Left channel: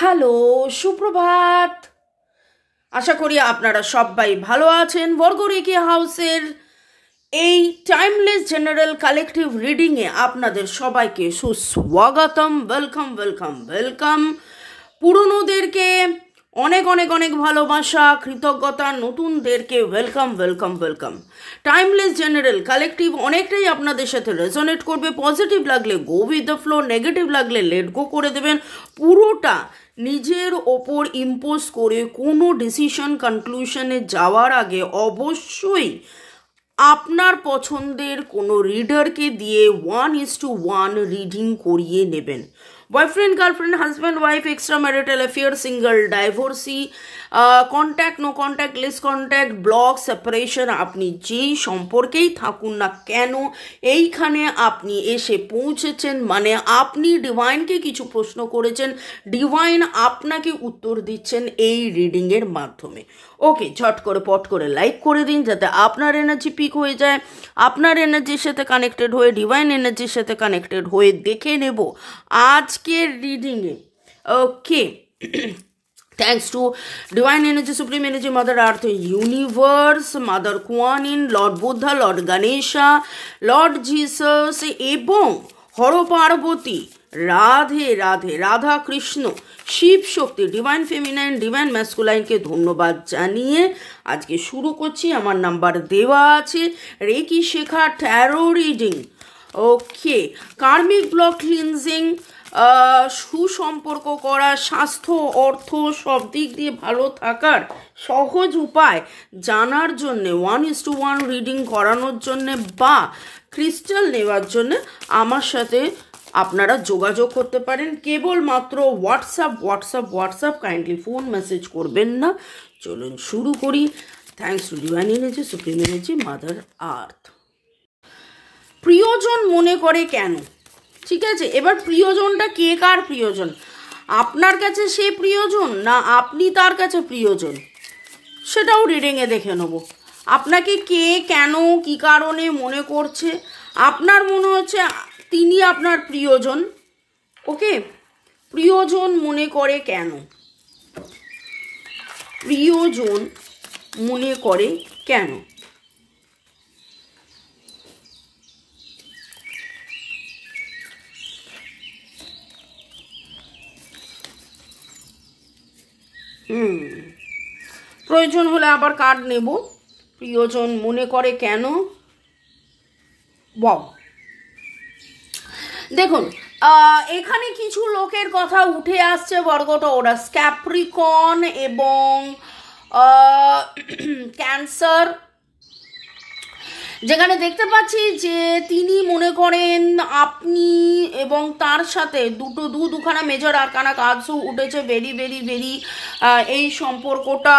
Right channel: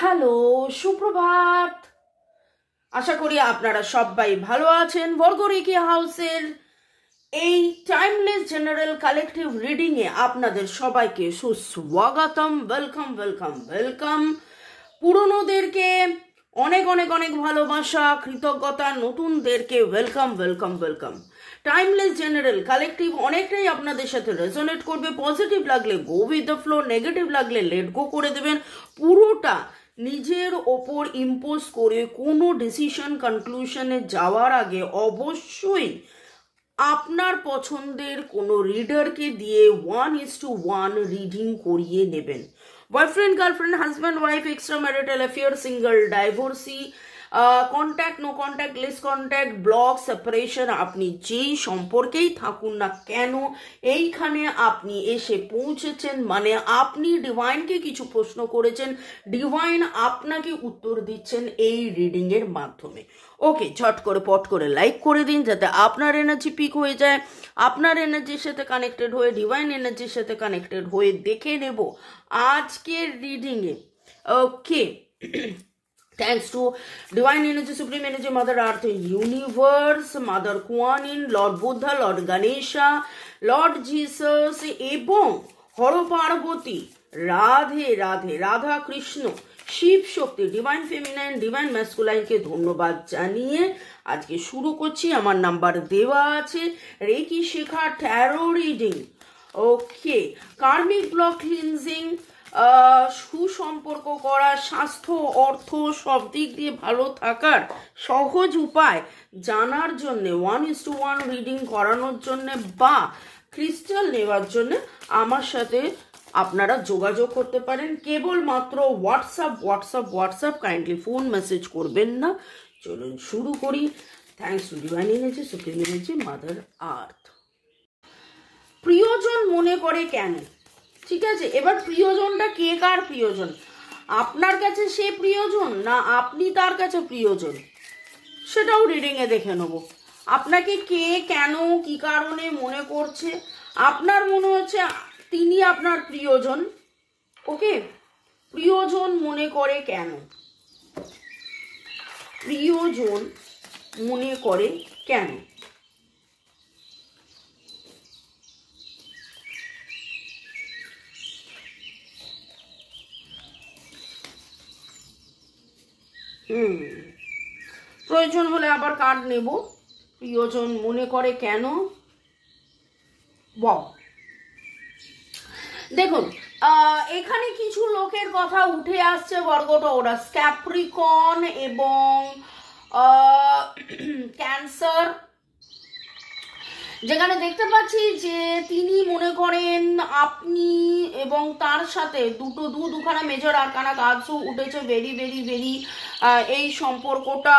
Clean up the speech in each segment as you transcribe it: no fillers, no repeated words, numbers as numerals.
Hello, সুপ্রভাত। আশা করি আপনারা সবাই ভালো আছেন। বর্গরেখি হাউসের এই টাইমলেস জেনারেল কালেকটিভ রিডিংয়ে আপনাদের সবাইকে সুস্বাগতম। Welcome welcome welcome. পুরনোদেরকে অনেক অনেক অনেক ভালোবাসা, কৃতজ্ঞতা। নতুনদেরকে welcome welcome welcome. Timeless general collective অনেকটাই আপনাদের সাথে রেজোনেট করবে। পজিটিভ লাগলে go with the flow, negative লাগলে লেট গো করে দেবেন। পুরোটা নিজের ওপর ইম্পোজ করে কোনো ডিসিশন কনক্লুশনে যাওয়ার আগে অবশ্যই আপনার পছন্দের কোনো রিডারকে দিয়ে 1:1 রিডিং করিয়ে নেবেন। Boyfriend, girlfriend, husband, wife, extra marital affair, single, divorcee, contact, no contact, less contact, block, separation, আপনি যেই সম্পর্কেই থাকুন না কেন, এইখানে আপনি এসে পৌঁছেছেন মানে আপনি ডিভাইনকে কিছু প্রশ্ন করেছেন, ডিভাইন আপনাকে উত্তর দিচ্ছেন এই রিডিংয়ের মাধ্যমে। ওকে, ঝট করে পট করে লাইক করে দিন যাতে আপনার এনার্জি পিক হয়ে যায়। আপনার এনার্জির সাথে কানেক্টেড হয়ে, ডিভাইন এনার্জির সাথে কানেক্টেড হয়ে দেখে নেব আজকের রিডিংয়ে। ওকে, thanks to divine energy, supreme energy, mother earth, universe, mother Kuan Yin, lord Buddha, lord Ganesha, lord Jesus এবং হর পার্বতী, রাধে রাধে, রাধা কৃষ্ণ, শিব শক্তি, ডিভাইন ফেমিনাইন, ডিভাইন ম্যাসকুলাইনকে ধন্যবাদ জানিয়ে আজকে শুরু করছি। আমার নাম্বার দেওয়া আছে। রেকি শেখা, ট্যারো রিডিং। ওকে, কার্মিক ব্লক ক্লিনজিং, সুসম্পর্ক করা, স্বাস্থ্য, অর্থ সব দিক দিয়ে ভালো থাকার সহজ উপায় জানার জন্যে, 1:1 রিডিং করানোর জন্যে বা ক্রিস্টাল নেওয়ার জন্যে আমার সাথে আপনারা যোগাযোগ করতে পারেন। কেবলমাত্র হোয়াটসঅ্যাপ, কাইন্ডলি ফোন মেসেজ করবেন না। চলুন শুরু করি। Thanks to divine energy, supreme energy, mother earth. প্রিয়জন মনে করে কেন? ঠিক আছে, এবার প্রিয়জনটা কে কার প্রিয়জন? আপনার কাছে সে প্রিয়জন না আপনি তার কাছে প্রিয়জন, সেটাও রিডিংয়ে দেখে নেব। আপনাকে কে কেন কি কারণে মনে করছে, আপনার মনে হচ্ছে তিনি আপনার প্রিয়জন। ওকে, প্রিয়জন মনে করে কেন? প্রিয়জন মনে করে কেন? প্রয়োজন হলে আবার কার্ড নেব। প্রিয়জন মনে করে কেন? বাহ, দেখুন এখানে কিছু লোকের কথা উঠে আসছে। বর্গটা ওরা ক্যাপ্রিকন এবং ক্যান্সার, যেখানে দেখতে পাচ্ছি যে তিনি মনে করেন আপনি এবং তার সাথে দুখানা মেজর আরকানা কাজও উঠেছে। ভেরি ভেরি ভেরি এই সম্পর্কটা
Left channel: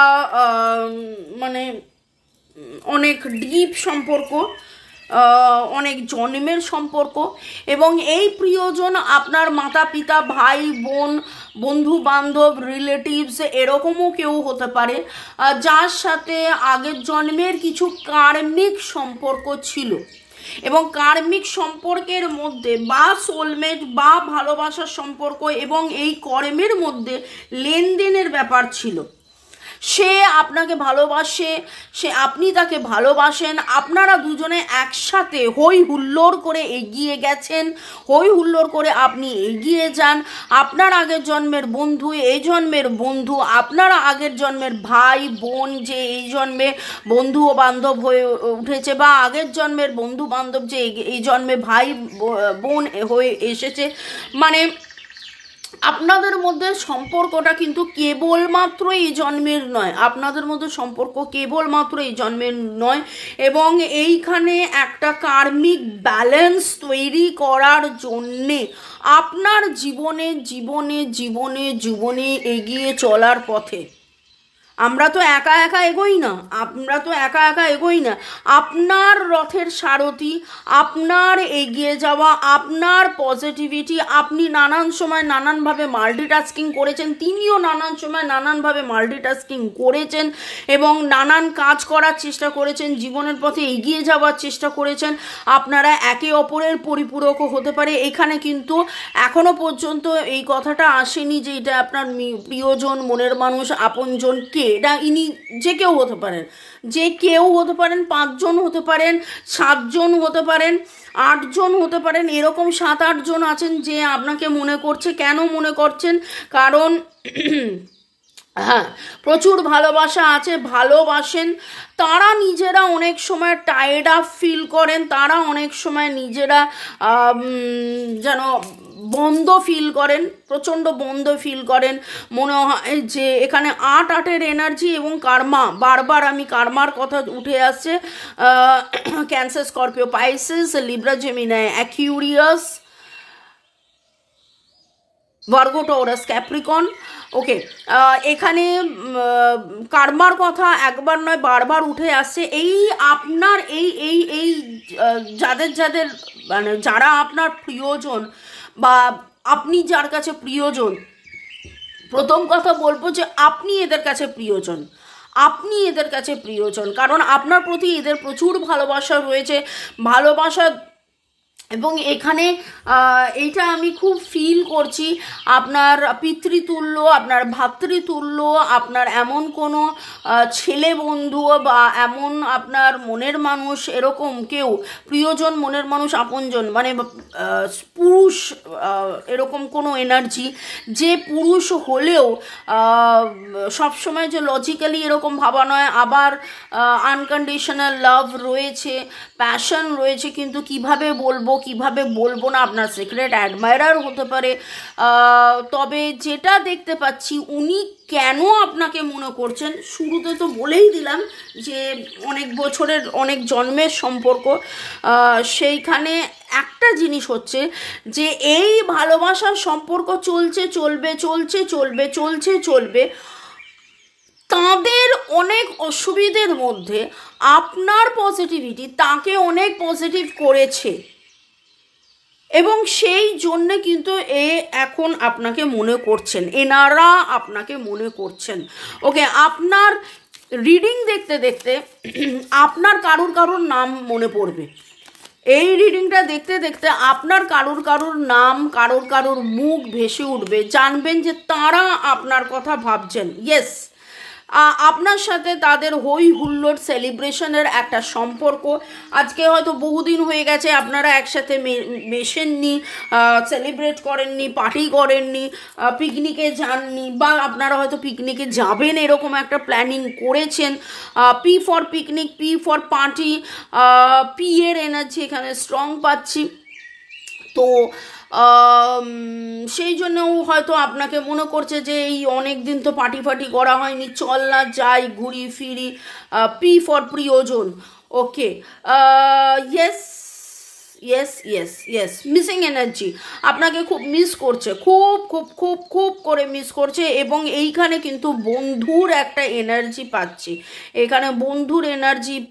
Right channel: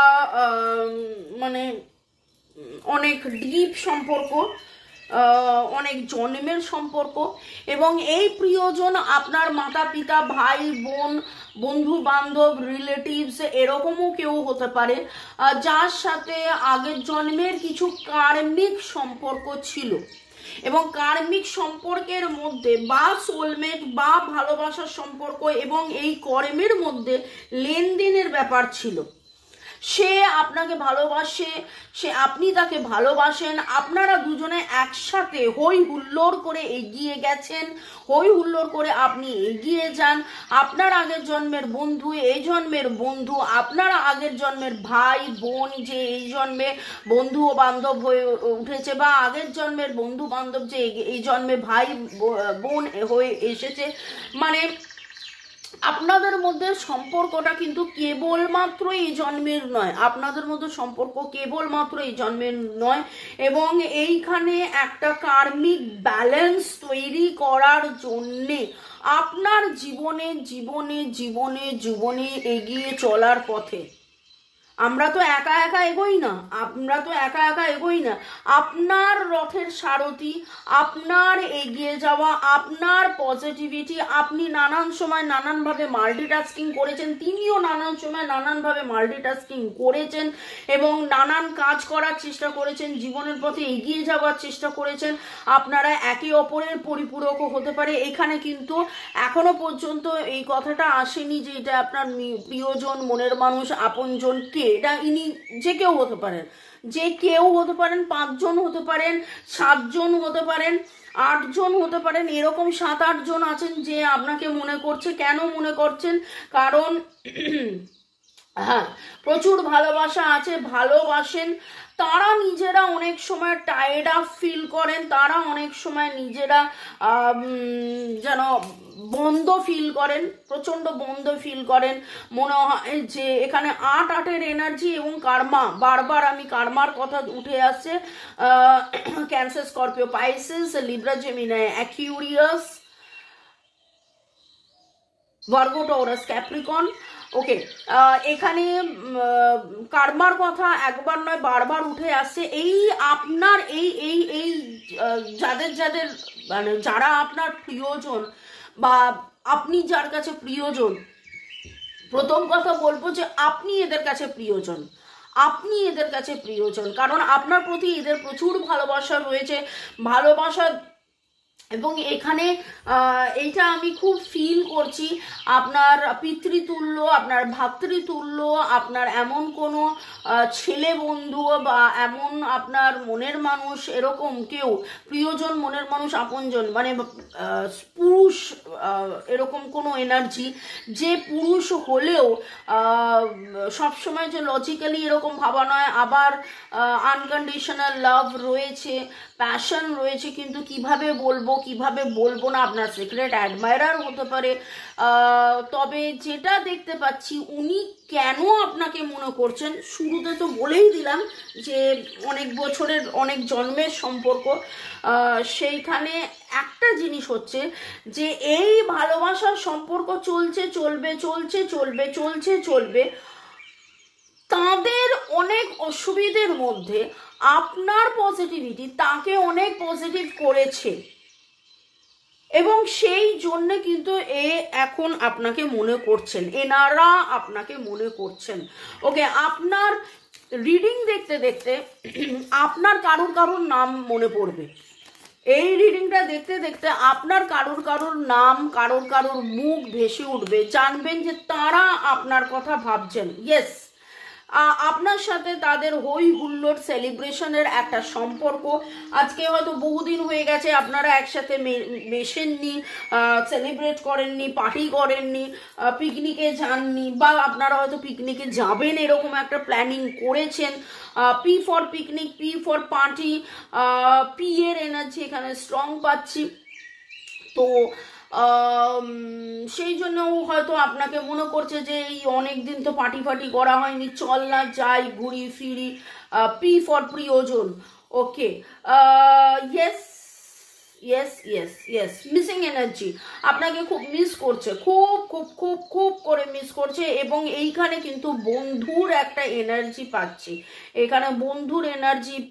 মানে অনেক ডিপ সম্পর্ক, অনেক জন্মের সম্পর্ক। এবং এই প্রিয়জন আপনার মাতা পিতা, ভাই বোন, বন্ধু বান্ধব, রিলেটিভস এরকমও কেউ হতে পারে যার সাথে আগের জন্মের কিছু কার্মিক সম্পর্ক ছিল। এবং কার্মিক সম্পর্কের মধ্যে বা সোলমেট বা ভালোবাসার সম্পর্ক এবং এই কর্মের মধ্যে লেনদেনের ব্যাপার ছিল। সে আপনাকে ভালোবাসে, আপনি তাকে ভালোবাসেন, আপনারা দুজনে একসাথে হই হুল্লোড় করে এগিয়ে গেছেন, হই হুল্লোড় করে আপনি এগিয়ে যান। আপনার আগের জন্মের বন্ধু, এই জন্মের বন্ধু, আপনারা আগের জন্মের ভাই বোন যে এই জন্মে বন্ধু ও বান্ধব হয়ে উঠেছে, বা আগের জন্মের বন্ধু বান্ধব যে এই জন্মে ভাই বোন হয়ে এসেছে। মানে আপনাদের মধ্যে সম্পর্কটা কিন্তু কেবলমাত্র এই জন্মের নয়, আপনাদের মধ্যে সম্পর্ক কেবলমাত্র এই জন্মের নয়। এবং এইখানে একটা কার্মিক ব্যালেন্স তৈরি করার জন্যে আপনার জীবনে এগিয়ে চলার পথে আমরা তো একা একা এগোই না, আপনার রথের সারথি, আপনার এগিয়ে যাওয়া, আপনার পজিটিভিটি, আপনি নানান সময় নানানভাবে মাল্টিটাস্কিং করেছেন, তিনিও নানান সময় নানানভাবে মাল্টিটাস্কিং করেছেন এবং নানান কাজ করার চেষ্টা করেছেন, জীবনের পথে এগিয়ে যাওয়ার চেষ্টা করেছেন। আপনারা একে অপরের পরিপূরকও হতে পারে। এখানে কিন্তু এখনো পর্যন্ত এই কথাটা আসেনি যে এটা আপনার প্রিয়জন, মনের মানুষ, আপনজন কে, এটা ইনি যে কেউ হতে পারেন, 5 জন হতে পারেন, 7 জন হতে পারেন, 8 জন হতে পারেন, এরকম 7-8 জন আছেন যে আপনাকে মনে করছে। কেন মনে করছেন? কারণ হ্যাঁ, প্রচুর ভালোবাসা আছে, ভালোবাসেন। তারা নিজেরা অনেক সময় টায়ার্ড আপ ফিল করেন, তারা অনেক সময় নিজেরা যেন বন্ধ ফিল করেন, প্রচণ্ড বন্ধ ফিল করেন। মনে হয় যে এখানে 8-8-এর এনার্জি এবং কার্মা, বারবার আমি কার্মার কথা উঠে আসছে। Cancer, Scorpio, Pisces, Libra, Gemini, Aquarius, Virgo, Taurus, Capricorn. Okay, এখানে কার্মার কথা একবার নয় বারবার উঠে আসছে। এই আপনার এই যাদের মানে যারা আপনার প্রিয়জন বা আপনি যার কাছে প্রিয়জন, প্রথম কথা বলবো যে আপনি এদের কাছে প্রিয়জন, কারণ আপনার প্রতি এদের প্রচুর ভালোবাসা রয়েছে, ভালোবাসা। এবং এখানে এইটা আমি খুব ফিল করছি, আপনার পিতৃতুল্য, আপনার ভাতৃতুল্য, আপনার এমন কোনো ছেলে বন্ধু বা এমন আপনার মনের মানুষ, এরকম কেউ প্রিয়জন, মনের মানুষ, আপনজন, মানে পুরুষ, এরকম কোনো এনার্জি, যে পুরুষ হলেও সবসময় যে লজিক্যালি এরকম ভাবা নয়, আবার আনকন্ডিশনাল লাভ রয়েছে, প্যাশন রয়েছে, কিন্তু কিভাবে বলবো না, আপনার সিক্রেট অ্যাডমায়ারার হতে পারে। তবে যেটা দেখতে পাচ্ছি, উনি কেন আপনাকে মনে করছেন, শুরুতে তো বলেই দিলাম যে অনেক বছরের, অনেক জন্মের সম্পর্ক। সেইখানে একটা জিনিস হচ্ছে যে এই ভালোবাসার সম্পর্ক চলবে, তাদের অনেক অসুবিধের মধ্যে আপনার পজিটিভিটি তাকে অনেক পজিটিভ করেছে এবং সেই জন্যে কিন্তু এখন আপনাকে মনে করছেন, এনারা আপনাকে মনে করছেন। ওকে, আপনার রিডিং দেখতে দেখতে আপনার কারুর নাম মনে পড়বে। এই রিডিংটা দেখতে দেখতে আপনার কারুর নাম, কারুর মুখ ভেসে উঠবে, জানবেন যে তারা আপনার কথা ভাবছেন। ইয়েস, আপনার সাথে তাদের হই হুল্লোড় সেলিব্রেশনের একটা সম্পর্ক। আজকে হয়তো বহুদিন হয়ে গেছে আপনারা একসাথে মেশেননি, সেলিব্রেট করেননি, পার্টি করেননি, পিকনিকে যাননি, বা আপনারা হয়তো পিকনিকে যাবেন এরকম একটা প্ল্যানিং করেছেন। P for picnic, P for party, P এর এনার্জি এখানে স্ট্রং পাচ্ছি। তো সেই জন্যও হয়তো আপনাকে মনে করছে যে এই অনেক দিন তো পার্টি করা হয়নি, চল না যাই, ঘুরি ফিরি। পি ফর প্রিয়জন। ওকে, ইয়েস, মিসিং এনার্জি, আপনাকে খুব মিস করছে, খুব করে মিস করছে। এবং এইখানে কিন্তু বন্ধুর একটা এনার্জি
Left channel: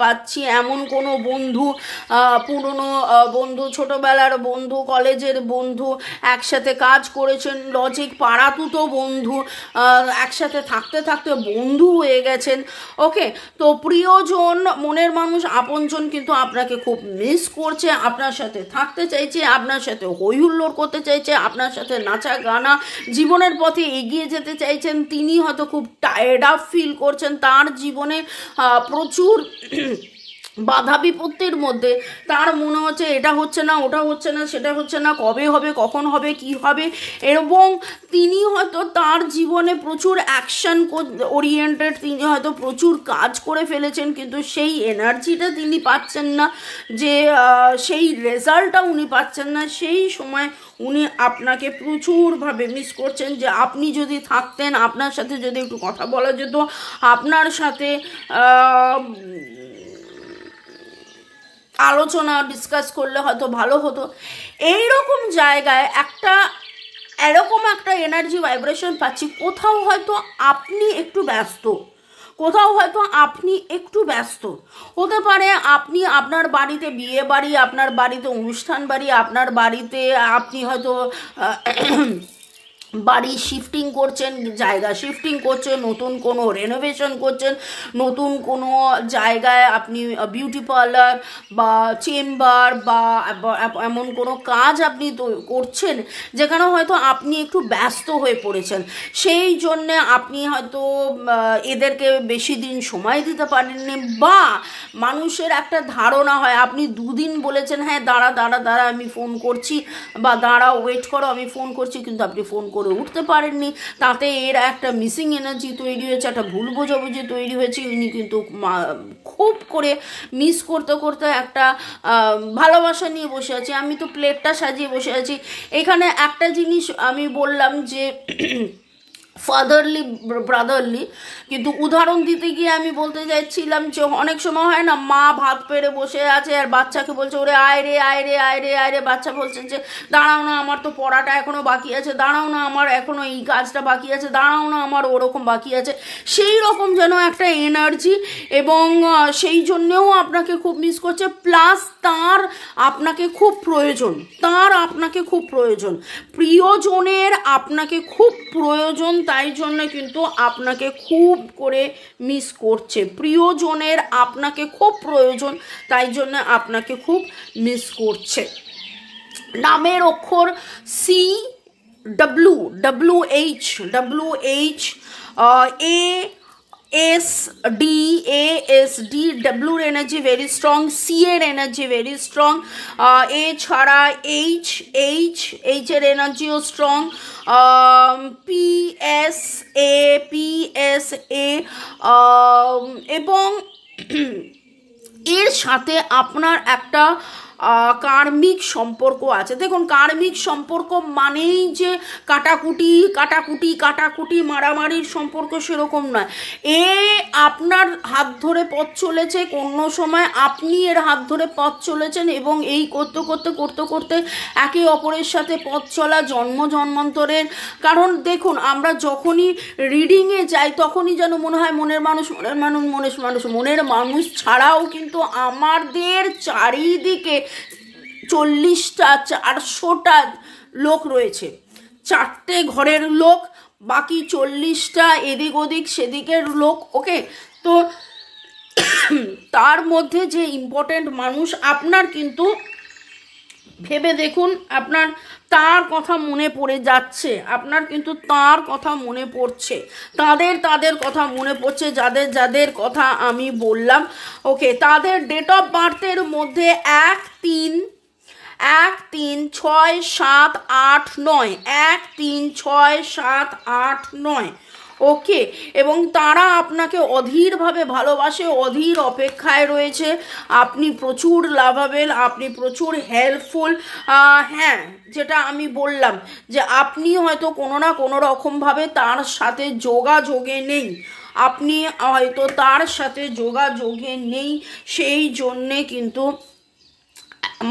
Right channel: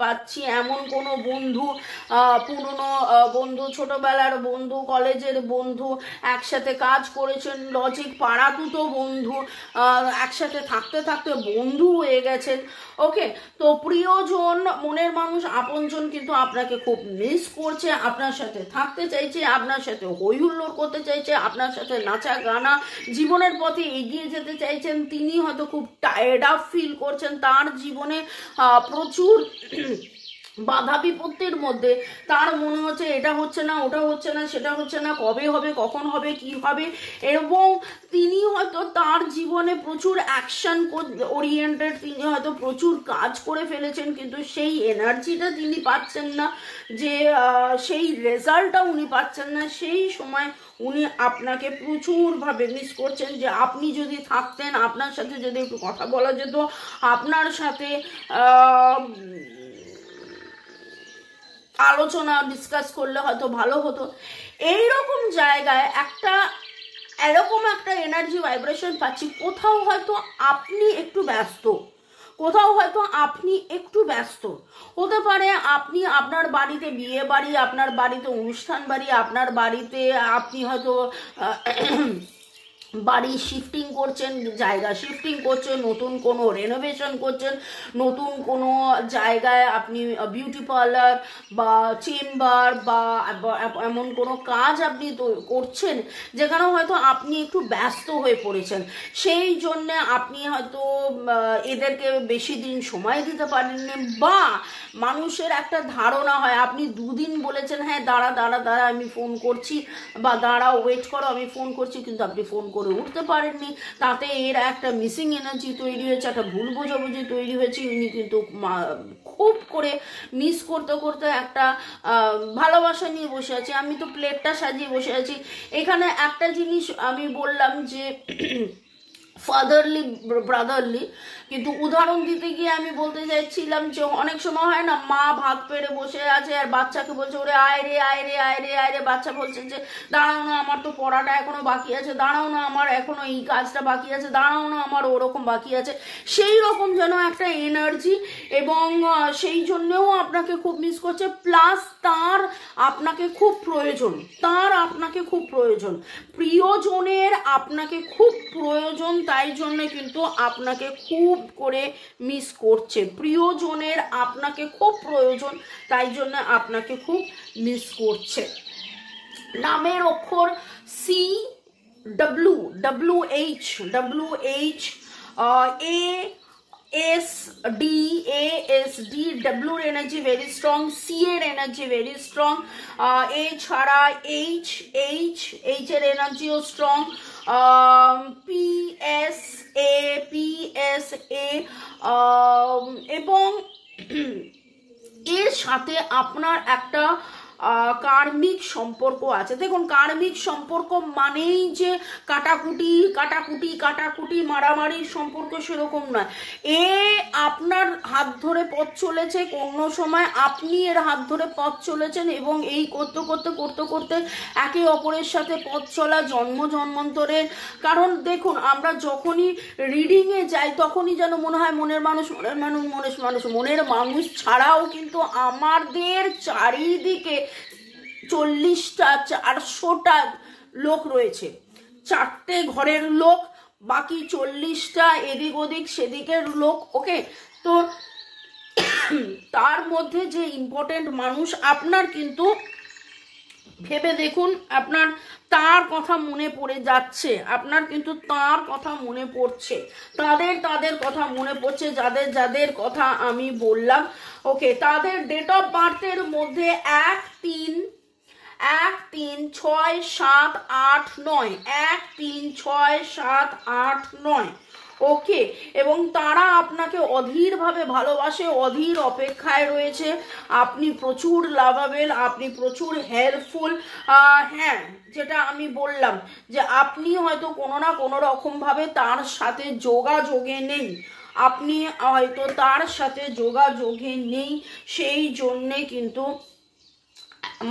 পাচ্ছি, এমন কোনো বন্ধু, পুরনো বন্ধু, ছোটবেলার বন্ধু, কলেজের বন্ধু, একসাথে কাজ করেছেন, লজিক পাড়াতুতো বন্ধু, একসাথে থাকতে বন্ধু হয়ে গেছেন। ওকে, তো প্রিয়জন, মনের মানুষ, আপনজন কিন্তু আপনাকে খুব মিস করছে, আপনার সাথে থাকতে চাইছে, আপনার সাথে হই হুল্লোড় করতে চাইছে, আপনার সাথে নাচা গানা, জীবনের পথে এগিয়ে যেতে চাইছেন। তিনি হয়তো খুব টায়ার্ড আপ ফিল করছেন, তার জীবনে প্রচুর বাধা বিপত্তির মধ্যে তার মনে হচ্ছে এটা হচ্ছে না, ওটা হচ্ছে না, সেটা হচ্ছে না, কবে হবে, কখন হবে, কি হবে। এবং তিনি হয়তো তার জীবনে প্রচুর অ্যাকশন ওরিয়েন্টেড, তিনি হয়তো প্রচুর কাজ করে ফেলেছেন, কিন্তু সেই এনার্জিটা তিনি পাচ্ছেন না, যে সেই রেজাল্টটা উনি পাচ্ছেন না। সেই সময় উনি আপনাকে প্রচুরভাবে মিস করছেন, যে আপনি যদি থাকতেন, আপনার সাথে যদি একটু কথা বলা যেত, আপনার সাথে আলোচনা ডিসকাস করলে হয়তো ভালো হতো। এইরকম জায়গায় এরকম একটা এনার্জি ভাইব্রেশন পাচ্ছি। কোথাও হয়তো আপনি একটু ব্যস্ত, কোথাও হয়তো আপনি একটু ব্যস্ত হতে পারে, আপনি আপনার বাড়িতে বিয়ে বাড়ি, আপনার বাড়িতে অনুষ্ঠান বাড়ি, আপনার বাড়িতে আপনি হয়তো বাড়ি শিফটিং করছেন, জায়গা শিফটিং করছেন, নতুন কোনো রেনোভেশন করছেন, নতুন কোনো জায়গায় আপনি বিউটি পার্লার বা চেম্বার বা এমন কোনো কাজ আপনি করছেন যেখানে হয়তো আপনি একটু ব্যস্ত হয়ে পড়েছেন, সেই জন্যে আপনি হয়তো এদেরকে বেশি দিন সময় দিতে পারেননি, বা মানুষের একটা ধারণা হয় আপনি দুদিন বলেছেন হ্যাঁ দাঁড়া দাঁড়া দাঁড়া আমি ফোন করছি, বা দাঁড়া ওয়েট করো আমি ফোন করছি, কিন্তু আপনি ফোন করে উঠতে পারেননি, তাতে এর একটা মিসিং এনার্জি তৈরি হয়েছে, একটা ভুল বোঝাবুঝি তৈরি হয়েছে, ইনি কিন্তু খুব করে মিস করতে করতে একটা ভালোবাসা নিয়ে বসে আছি, আমি তো প্লেটটা সাজিয়ে বসে আছি। এখানে একটা জিনিস আমি বললাম যে ফাদারলি ব্রাদারলি, কিন্তু উদাহরণ দিতে গিয়ে আমি বলতে চাইছিলাম যে অনেক সময় হয় না মা ভাত পেড়ে বসে আছে আর বাচ্চাকে বলছে ওরে আয় রে আয় রে আয় রে আয় রে, বাচ্চা বলছে যে দাঁড়াও না আমার তো পড়াটা এখনো বাকি আছে, দাঁড়াও না আমার এখনো এই কাজটা বাকি আছে, দাঁড়াও না আমার ওরকম বাকি আছে, সেই রকম যেন একটা এনার্জি, এবং সেই জন্যেও আপনাকে খুব মিস করছে, প্লাস তার আপনাকে খুব প্রয়োজন, তার আপনাকে খুব প্রয়োজন, প্রিয়জনের আপনাকে খুব প্রয়োজন, তাই জন্য কিন্তু আপনাকে খুব করে মিস করছে, প্রিয়জনের আপনাকে খুব প্রয়োজন, তাই জন্য আপনাকে খুব মিস করছে। নামের অক্ষর C W W H A ASD W energy very strong, C এর energy very strong, A ছাড়া H এর এনার্জিও স্ট্রং, PSA এবং এর সাথে আপনার একটা কার্মিক সম্পর্ক আছে। দেখুন কার্মিক সম্পর্ক মানেই যে কাটাকুটি মারামারির সম্পর্ক সেরকম নয়, এ আপনার হাত ধরে পথ চলেছে, কোনো সময় আপনি এর হাত ধরে পথ চলেছেন, এবং এই করতে করতে একে অপরের সাথে পথ চলা জন্মান্তরের। কারণ দেখুন আমরা যখনই রিডিংয়ে যাই তখনই যেন মনে হয় মনের মানুষ ছাড়াও কিন্তু আমাদের চারিদিকে 40টা 400টা লোক রয়েছে, 4টে ঘরের লোক, বাকি 40টা এদিক ওদিক সেদিকের লোক। ওকে, তো তার মধ্যে যে ইম্পর্টেন্ট মানুষ আপনার, কিন্তু ভেবে দেখুন আপনার তার কথা মনে পড়ে যাচ্ছে, আপনার কিন্তু তার কথা মনে পড়ছে, তাদের কথা মনে পড়ছে, যাদের কথা আমি বললাম। ওকে, তাদের ডেট অফ বার্থের মধ্যে 1, 3, 6, 7, 8, 9, 1, 3, 6, 7, 8, 9। ওকে, এবং তারা আপনাকে অধীরভাবে ভালোবাসে, অধীর অপেক্ষায় রয়েছে, আপনি প্রচুর লাভাবেল, আপনি প্রচুর হেল্পফুল। হ্যাঁ, যেটা আমি বললাম যে আপনি হয়তো কোনো না কোনো রকমভাবে তার সাথে যোগাযোগে নেই, আপনি হয়তো তার সাথে যোগাযোগে নেই, সেই জন্যে কিন্তু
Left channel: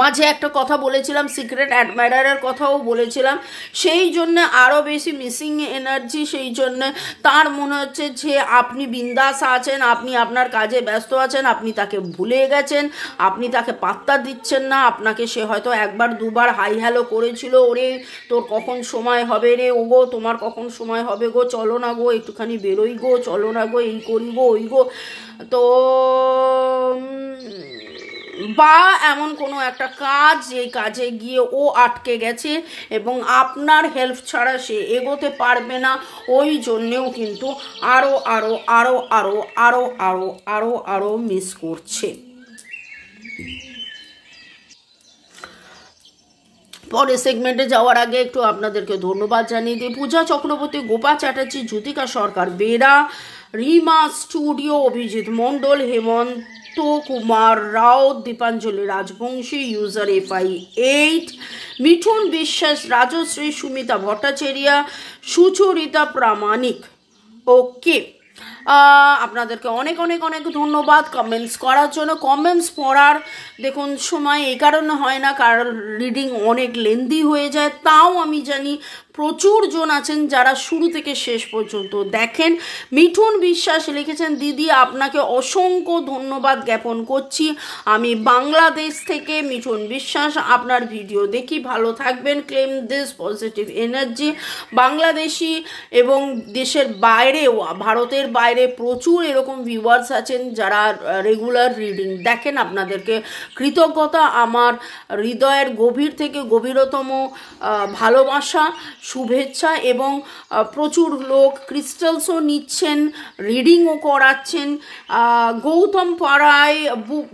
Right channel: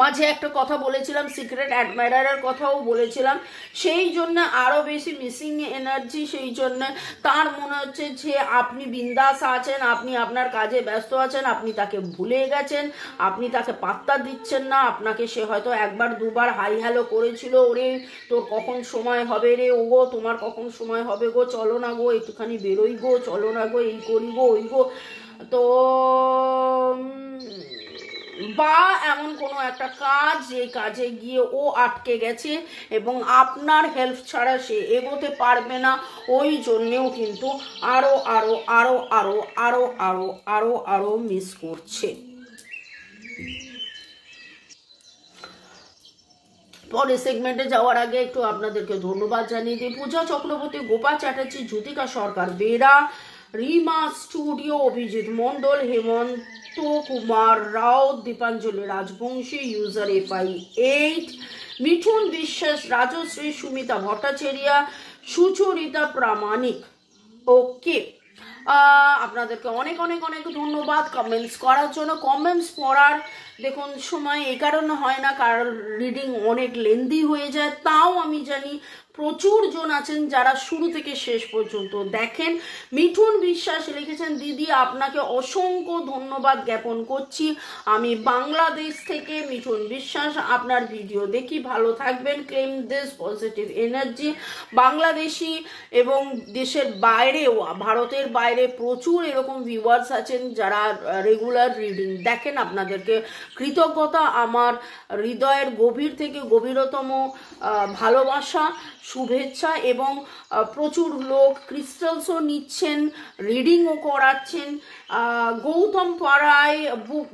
মাঝে একটা কথা বলেছিলাম, সিক্রেট অ্যাডমায়ারের কথাও বলেছিলাম, সেই জন্য আরও বেশি মিসিং এনার্জি, সেই জন্য তার মনে হচ্ছে যে আপনি বিন্দাস আছেন, আপনি আপনার কাজে ব্যস্ত আছেন, আপনি তাকে ভুলে গেছেন, আপনি তাকে পাত্তা দিচ্ছেন না, আপনাকে সে হয়তো একবার দুবার হাই হ্যালো করেছিল, ওরে তোর কখন সময় হবে রে, ও গো তোমার কখন সময় হবে গো, চলো না গো একটুখানি বেরোই গো, চলো না গো এই করি গো ওই গো, তো বা এমন কোনো একটা কাজ যেই কাজে গিয়ে ও আটকে গেছে এবং আপনার হেল্প ছাড়া সে এগোতে পারবে না, ওই জন্যেও কিন্তু আরও মিস করছে। পরের সেগমেন্টে যাওয়ার আগে একটু আপনাদেরকে ধন্যবাদ জানিয়ে দিই। পূজা চক্রবর্তী, গোপা চ্যাটার্জি, জ্যোতিকা সরকার, বেরা, রিমা স্টুডিও, অভিজিৎ মণ্ডল, হেমন্ত কুমার রাও, দীপাঞ্জলি রাজবংশী, ইউজার FI8, মিঠুন বিশ্বাস, রাজশ্রী, সুমিতা ভট্টাচার্য, সুচরিতা প্রামাণিক। ওকে, আপনাদেরকে অনেক ধন্যবাদ কমেন্টস করার জন্য। কমেন্টস পড়ার দেখুন সময় এই কারণে হয় না, কারণ রিডিং অনেক লেন্দি হয়ে যায়, তাও আমি জানি প্রচুর জন আছেন যারা শুরু থেকে শেষ পর্যন্ত দেখেন। মিঠুন বিশ্বাস লিখেছেন, দিদি আপনাকে অসংখ্য ধন্যবাদ জ্ঞাপন করছি, আমি বাংলাদেশ থেকে মিঠুন বিশ্বাস আপনার ভিডিও দেখি, ভালো থাকবেন, claim this positive energy. Bangladeshi এবং দেশের বাইরেও, ভারতের বাইরে প্রচুর এরকম ভিউয়ার্স আছেন যারা রেগুলার রিডিং দেখেন, আপনাদেরকে কৃতজ্ঞতা, আমার হৃদয়ের গভীর থেকে গভীরতম ভালোবাসা, শুভেচ্ছা। এবং প্রচুর লোক ক্রিস্টালসও নিচ্ছেন, রিডিংও করাচ্ছেন। গৌতম পাড়ায়,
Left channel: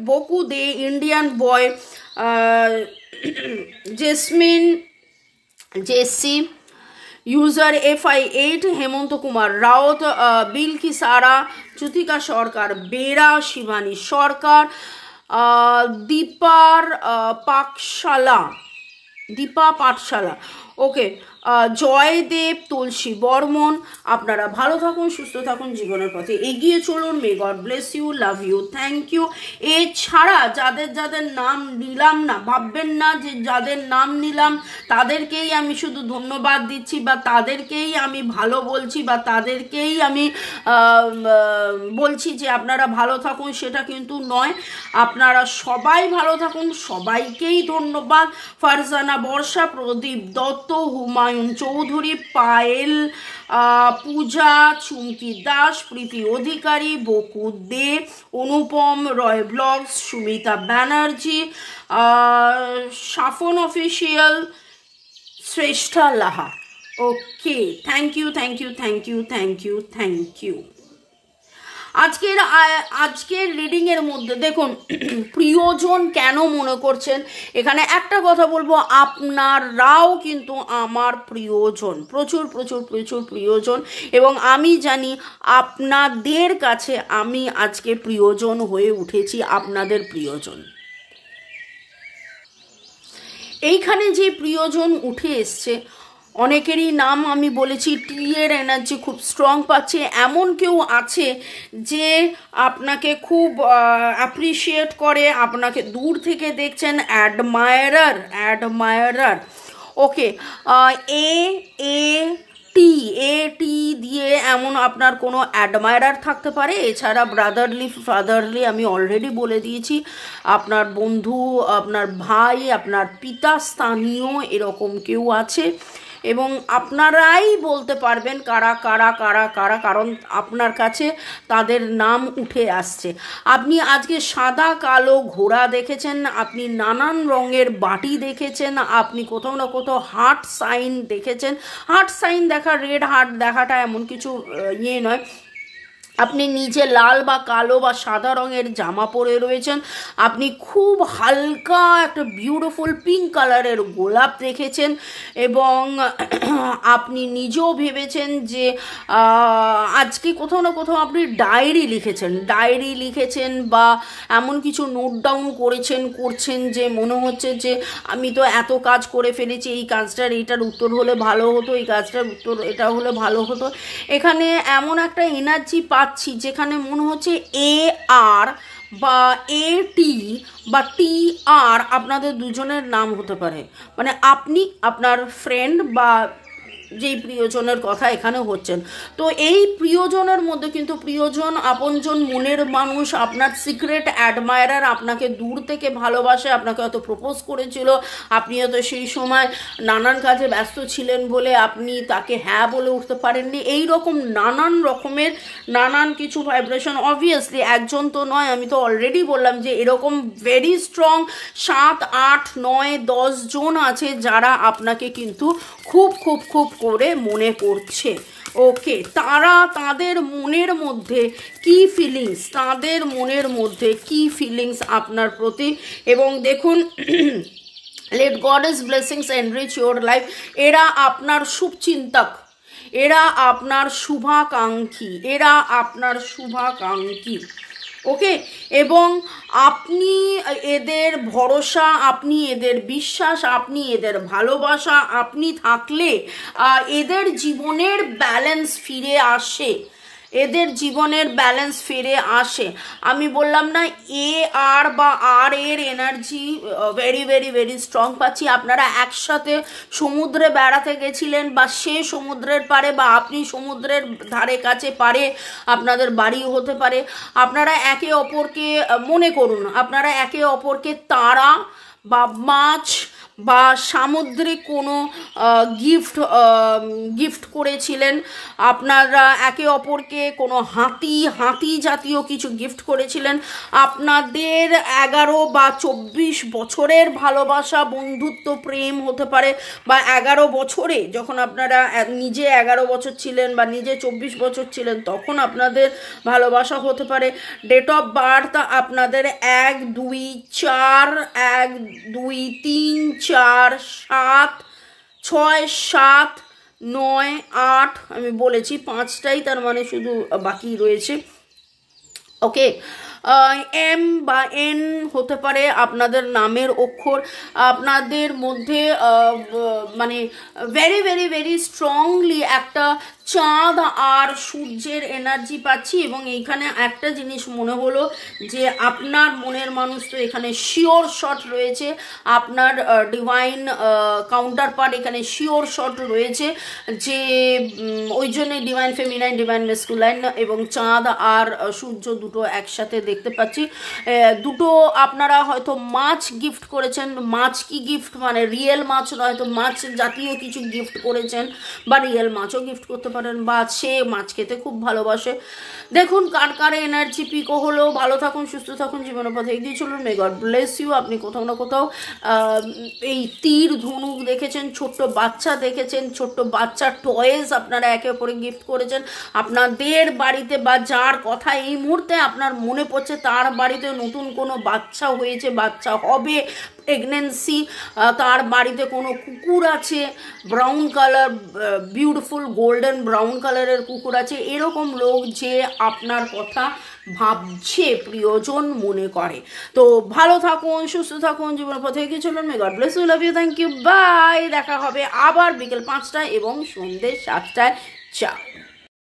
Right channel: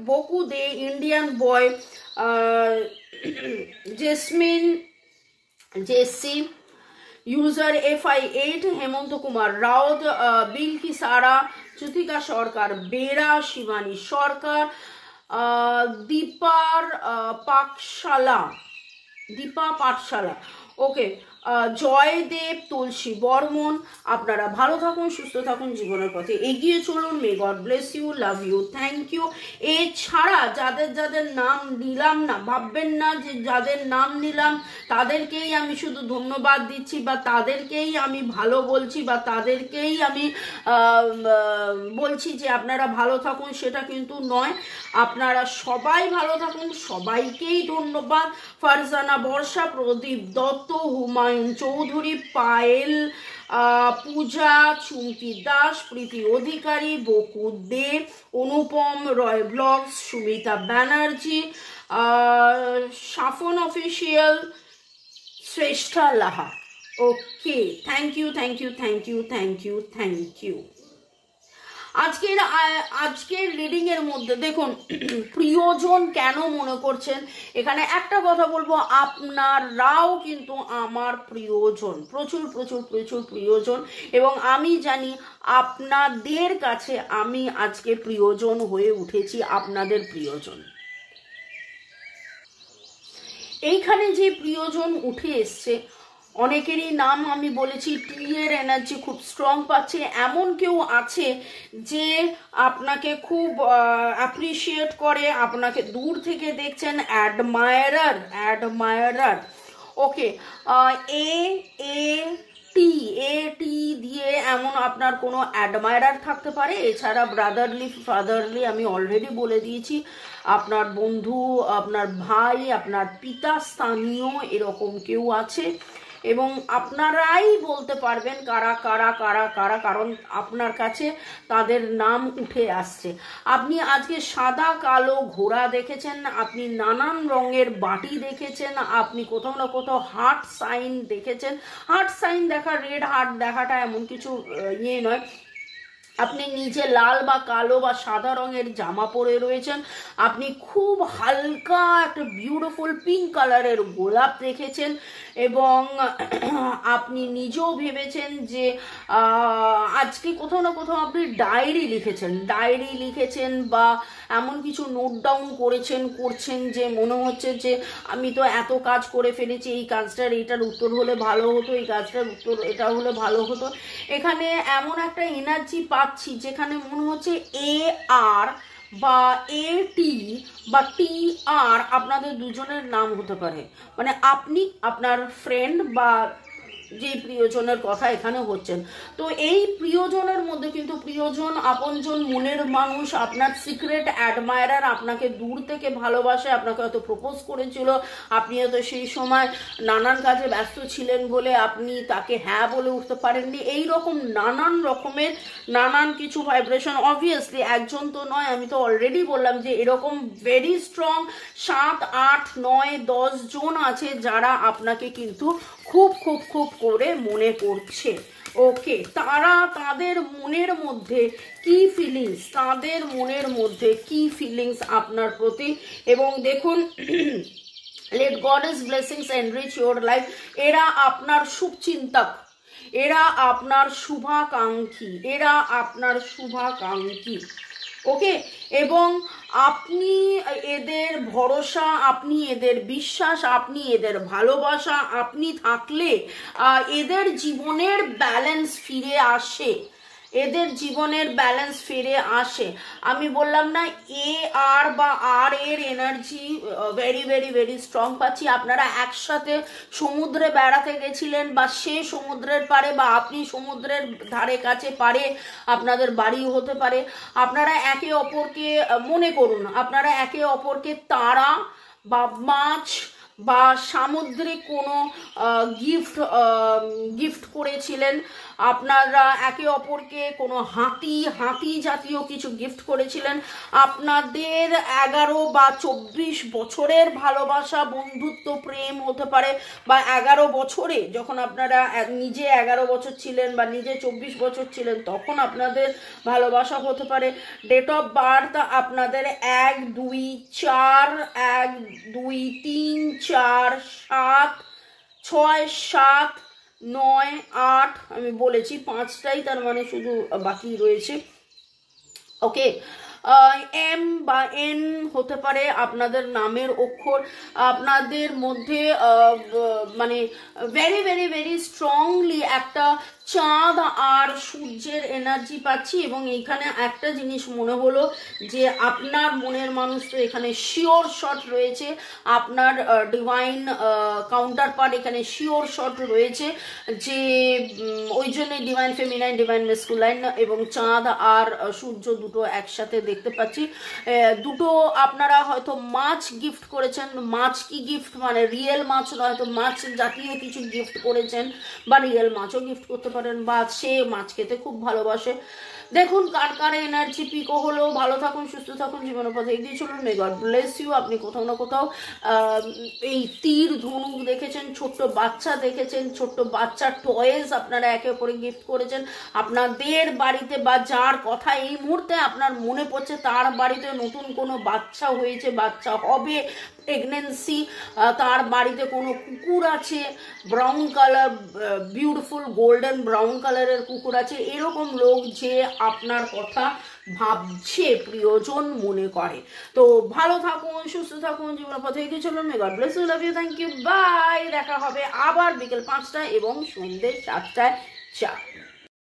বকু দে, ইন্ডিয়ান বয়, জেসমিন জেসি, ইউজার FI8, হেমন্ত কুমার রাউত, বিলকি সারা, জ্যোতিকা সরকার বেরা, শিবানী সরকার, দীপা পাঠশালা, ওকে, জয়দেব, তুলসী বর্মন। আপনারা ভালো থাকুন, সুস্থ থাকুন, জীবনের পথে এগিয়ে চলুন। May God bless you, love you, thank you. এছাড়া যাদের যাদের নাম নিলাম না, ভাববেন না যে যাদের নাম নিলাম তাদেরকেই আমি শুধু ধন্যবাদ দিচ্ছি বা তাদেরকেই আমি ভালো বলছি বা তাদেরকেই আমি বলছি যে আপনারা ভালো থাকুন, সেটা কিন্তু নয়। আপনারা সবাই ভালো থাকুন, সবাইকেই ধন্যবাদ। Farzana Barsha, Pradip Dutta, Humayun Chowdhury, Payel, Puja, Chumki Das, Priti Adhikari, Boku De, Anupam Roy blogs, Sumita Banerjee, Safon official, Shreshtha Laha. Okay, thank you, thank you, thank you, thank you, thank you. আজকের রিডিং এর মধ্যে দেখুন, প্রিয়জন কেন মনে করছেন, এখানে একটা কথা বলবো, আপনারাও কিন্তু আমার প্রিয়জন, প্রচুর প্রচুর প্রচুর প্রিয়জন, এবং আমি জানি আপনাদের কাছে আমি আজকে প্রিয়জন হয়ে উঠেছি, আপনাদের প্রিয়জন। এইখানে যে প্রিয়জন উঠে এসছে, অনেকেরই নাম আমি বলেছি, টি এর এনার্জি খুব স্ট্রং পাচ্ছে। এমন কেউ আছে যে আপনাকে খুব অ্যাপ্রিসিয়েট করে, আপনাকে দূর থেকে দেখছেন, অ্যাডমায়ারার। ওকে, টি দিয়ে এমন আপনার কোনো অ্যাডমায়ারার থাকতে পারে। এছাড়া ব্রাদারলি, ফাদারলি আমি অলরেডি বলে দিয়েছি, আপনার বন্ধু, আপনার ভাই, আপনার পিতা স্থানীয় এরকম কেউ আছে, এবং আপনারাই বলতে পারবেন কারা কারা কারা কারা, কারণ আপনার কাছে তাদের নাম উঠে আসছে। আপনি আজকে সাদা কালো ঘোড়া দেখেছেন, আপনি নানান রঙের বাটি দেখেছেন, আপনি কোথাও না কোথাও হার্ট সাইন দেখেছেন। হার্ট সাইন দেখা, রেড হার্ট দেখাটা এমন কিছু ইয়ে নয়। আপনি নিজে লাল বা কালো বা সাদা রঙের জামা পরে রয়েছেন, আপনি খুব হালকা একটা বিউটিফুল পিঙ্ক কালারের গোলাপ দেখেছেন, এবং আপনি নিজেও ভেবেছেন যে আজকে কোথাও না কোথাও আপনি ডায়েরি লিখেছেন বা এমন কিছু নোট ডাউন করছেন যে মনে হচ্ছে যে আমি তো এত কাজ করে ফেলেছি, এই কাজটার এইটার উত্তর হলে ভালো হতো, এই কাজটার উত্তর এটা হলে ভালো হতো। এখানে এমন একটা এনার্জি পাচ্ছি যেখানে মনে হচ্ছে AR বা AT বা TR আপনাদের দুজনের নাম হতে পারে, মানে আপনি আপনার ফ্রেন্ড বা যেই প্রিয়জনের কথা এখানে হচ্ছেন। তো এই প্রিয়জনের মধ্যে কিন্তু প্রিয়জন, আপনজন, মনের মানুষ, আপনার সিক্রেট অ্যাডমায়ারার, আপনাকে দূর থেকে ভালোবাসে, আপনাকে হয়তো প্রপোজ করেছিল, আপনি হয়তো সেই সময় নানান কাজে ব্যস্ত ছিলেন বলে আপনি তাকে হ্যাঁ বলে উঠতে পারেননি। এই রকম নানান রকমের নানান কিছু ভাইব্রেশন, অবভিয়াসলি একজন তো নয়, আমি তো অলরেডি বললাম যে এরকম ভেরি স্ট্রং 7, 8, 9, 10 জন আছে যারা আপনাকে কিন্তু খুব খুব খুব করে মনে করছে। ওকে, তারা তাদের মনের মধ্যে কি ফিলিংস আপনার প্রতি, এবং দেখুন, let God's blessings enrich your life। এরা আপনার শুভচিন্তক, এরা আপনার শুভাকাঙ্ক্ষী, ওকে, এবং আপনি এদের ভরসা, আপনি এদের বিশ্বাস, আপনি এদের ভালোবাসা, আপনি থাকলে এদের জীবনের ব্যালেন্স ফিরে আসে। এদের জীবনের ব্যালেন্স ফিরে আসে। আমি বললাম না, এ আর বা আর এর energy very very very strong পাচ্ছি। আপনারা একসাথে সমুদ্রে বেড়াতে গেছিলেন, বা সে সমুদ্রের পারে বা আপনি সমুদ্রের ধারে কাছে পারে আপনাদের বাড়িও হতে পারে। আপনারা একে অপরকে মনে করুন, আপনারা একে অপরকে তারা বা মাছ বা সামুদ্রিক কোনো গিফট করেছিলেন। আপনারা একে অপরকে কোনো হাতি জাতীয় কিছু গিফট করেছিলেন। আপনাদের 11 বা 24 বছরের ভালোবাসা, বন্ধুত্ব, প্রেম হতে পারে, বা 11 বছরে যখন আপনারা নিজে 11 বছর ছিলেন বা নিজে 24 বছর ছিলেন তখন আপনাদের ভালোবাসা হতে পারে। ডেট অফ বার্থ আপনাদের 1, 2, 4, 1, 2, 3, 4, 7, 6, 7, 9, 8, আমি বলেছি 5টাই, তার মানে শুধু বাকি রয়েছে। ওকে, এম বা এন হতে পারে আপনাদের নামের অক্ষর। আপনাদের মধ্যে মানে ভেরি ভেরি ভেরি স্ট্রংলি একটা চাঁদ আর সূর্যের এনার্জি পাচ্ছি। এবং এইখানে একটা জিনিস মনে হলো যে আপনার মনের মানুষ তো এখানে শিওর শট রয়েছে, আপনার ডিভাইন কাউন্টার পার্ট এখানে শিওর শট রয়েছে, যে ওই জন্যই ডিভাইন ফেমিনাইন, ডিভাইন মেসকুলাইন এবং চাঁদ আর সূর্য দুটো একসাথে দেখতে পাচ্ছি। দুটো আপনারা হয়তো মাছ গিফট করেছেন। মাছ কি গিফট, মানে রিয়েল মাছ নয়, হয়তো মাছ জাতীয় কিছু গিফট করেছেন, বা রিয়েল মাছও গিফট করতে পারেন, বা সে মাছ খেতে খুব ভালোবাসে। দেখুন কার কার এনার্জি পিকো হলো। ভালো থাকুন, সুস্থ থাকুন, জীবনের পথে এগিয়ে চলুন। May God bless you. আপনি কোথাও না কোথাও এই তীর ধনুক দেখেছেন, ছোট্ট বাচ্চা দেখেছেন, ছোট্ট বাচ্চার টয়েস আপনারা একে অপরে গিফট করেছেন। আপনাদের বাড়িতে বা যার কথা এই মুহূর্তে আপনার মনে পড়ছে তার বাড়িতে নতুন কোনো বাচ্চা হয়েছে, বাচ্চা হবে, প্রেগনেন্সি, তার বাড়িতে কোনো কুকুর আছে, brown colour, beautiful golden brown কালারের কুকুর আছে। এরকম লোক যে আপনার কথা ভাবছে, প্রিয়জন মনে করে। তো ভালো থাকুন, সুস্থ থাকুন, জীবনের পথে এগিয়ে চলুন। May God bless you, love you, thank you, bye. দেখা হবে আবার বিকেল 5টায় এবং সন্ধ্যে 7টায়। চা।